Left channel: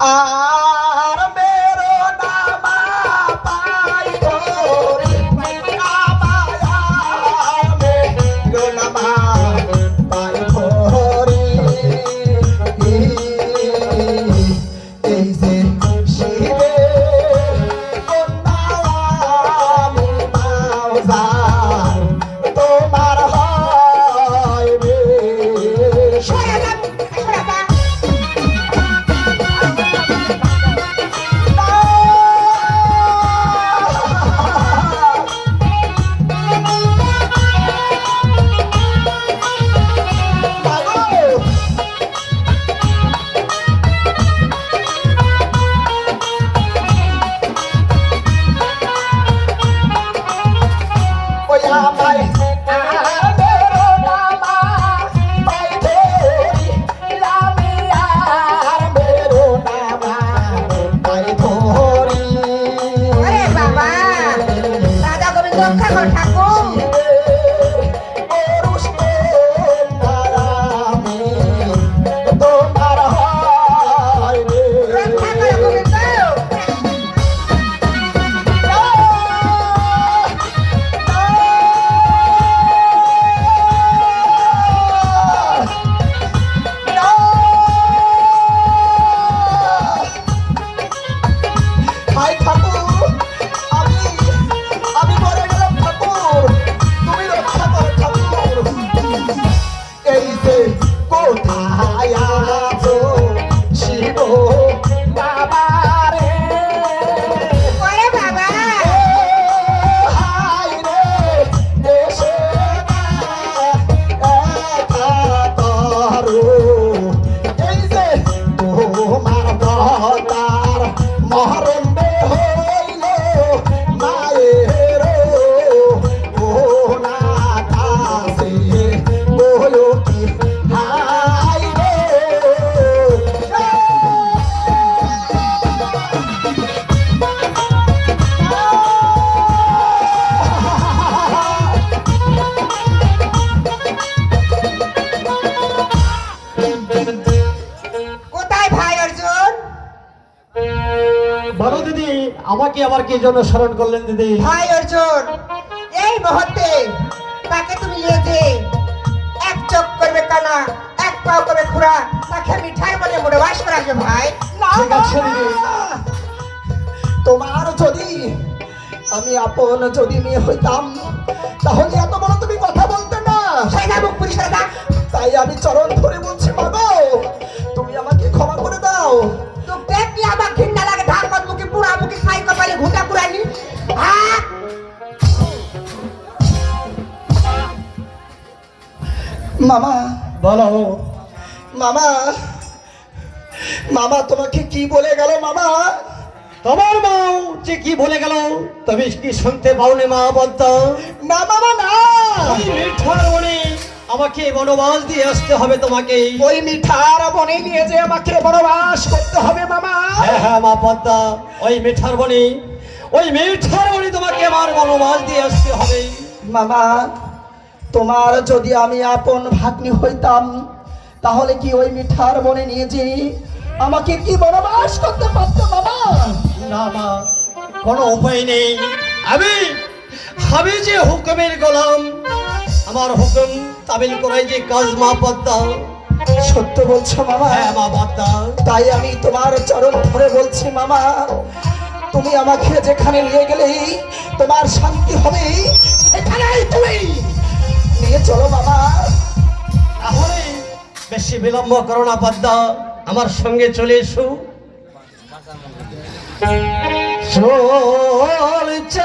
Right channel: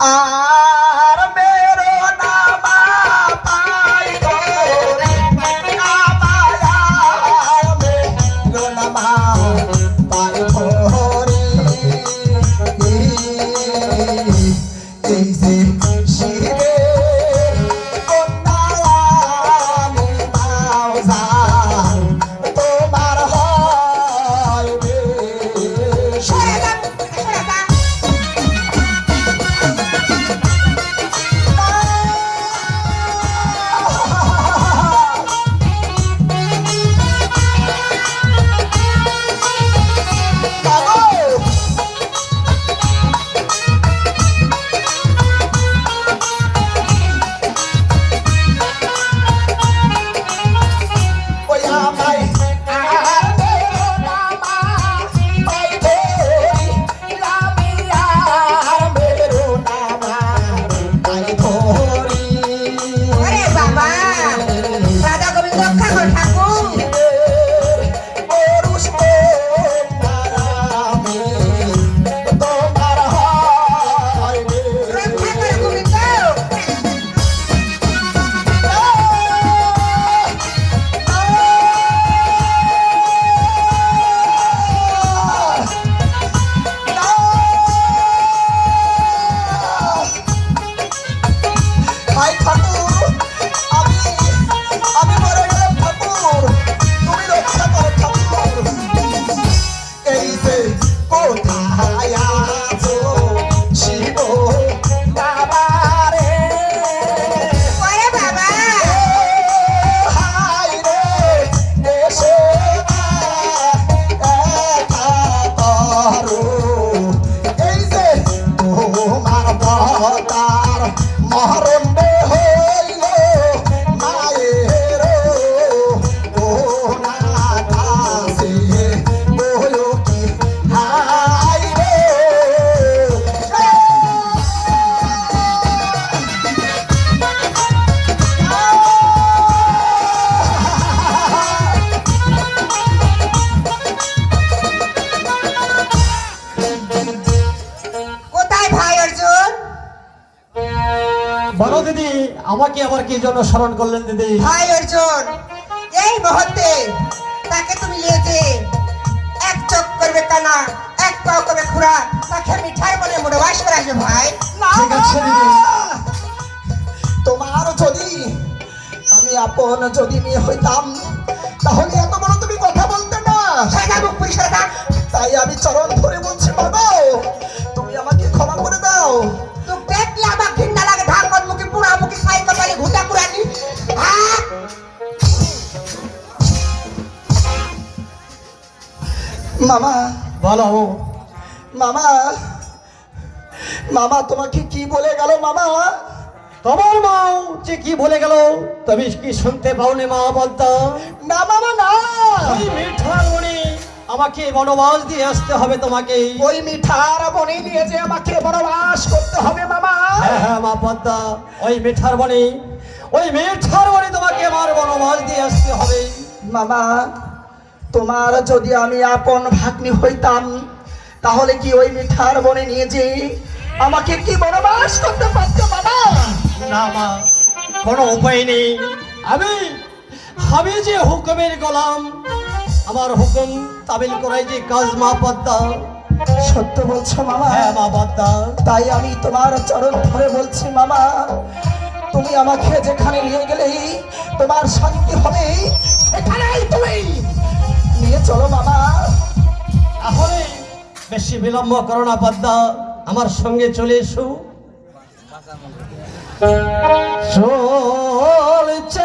Ah. Bye. আমাকে আবার কি জন্য স্মরণ করলেন দিদি? ভাই অর্জুন এই মুহূর্তে তাকে তুমি নিয়ে যে এক চোখ করবে কানা এক পাও করবে খুড়া তাকে মিঠাই মানে মোড়ে বাস করে আসবে ভাই। ঠিক আছে দিদি। তোমার যদি আমি আপন যদি মেয়ে হইতাম তাহলে মামা। বলো। মামা। মামা তোমাকে কি বলে গেল মামা? তোমার মাও যে কি বলে গেল তুমি কি শুনতে পাওনি মা বলতো? না মামা না। ওই মিঠার মনে আমাকে বনবাস দিয়ে আসতে হবে তোমাকে। ওই মিঠার বনে নিয়ে যে আমাকে বনবাস করতে হবে মামা। হ্যাঁ হ্যাঁ মা পদ্মা ওই মিঠার বনে ওই মিঠার বনে তোমাকে আমার বনবাস দিয়ে আসতে হবে। মামা তোমার যদি আমি আপন ভাগ্নি হইতাম তাহলে কি ওই মিঠার বনে নিয়ে যে আমাকে কি বনবাস করতে পারতো মামা না মা কোনো উপায় নেই। আমি আমি যে হুকুমের গোলাম আমার হুকুম তামিল করাই যে কাজ মা পদ্মা। সত্য বলছো মামা। হ্যাঁ মা পদ্মা। তাই আমি তোমার চরণ ধরে বলছি মামা তুমি আমাকে যেখানে নিয়ে গেলেই তোমার শান্তি হবে। বিলম্ব করোনা পদ্মা। আমার সঙ্গে চলে এসো। চলছে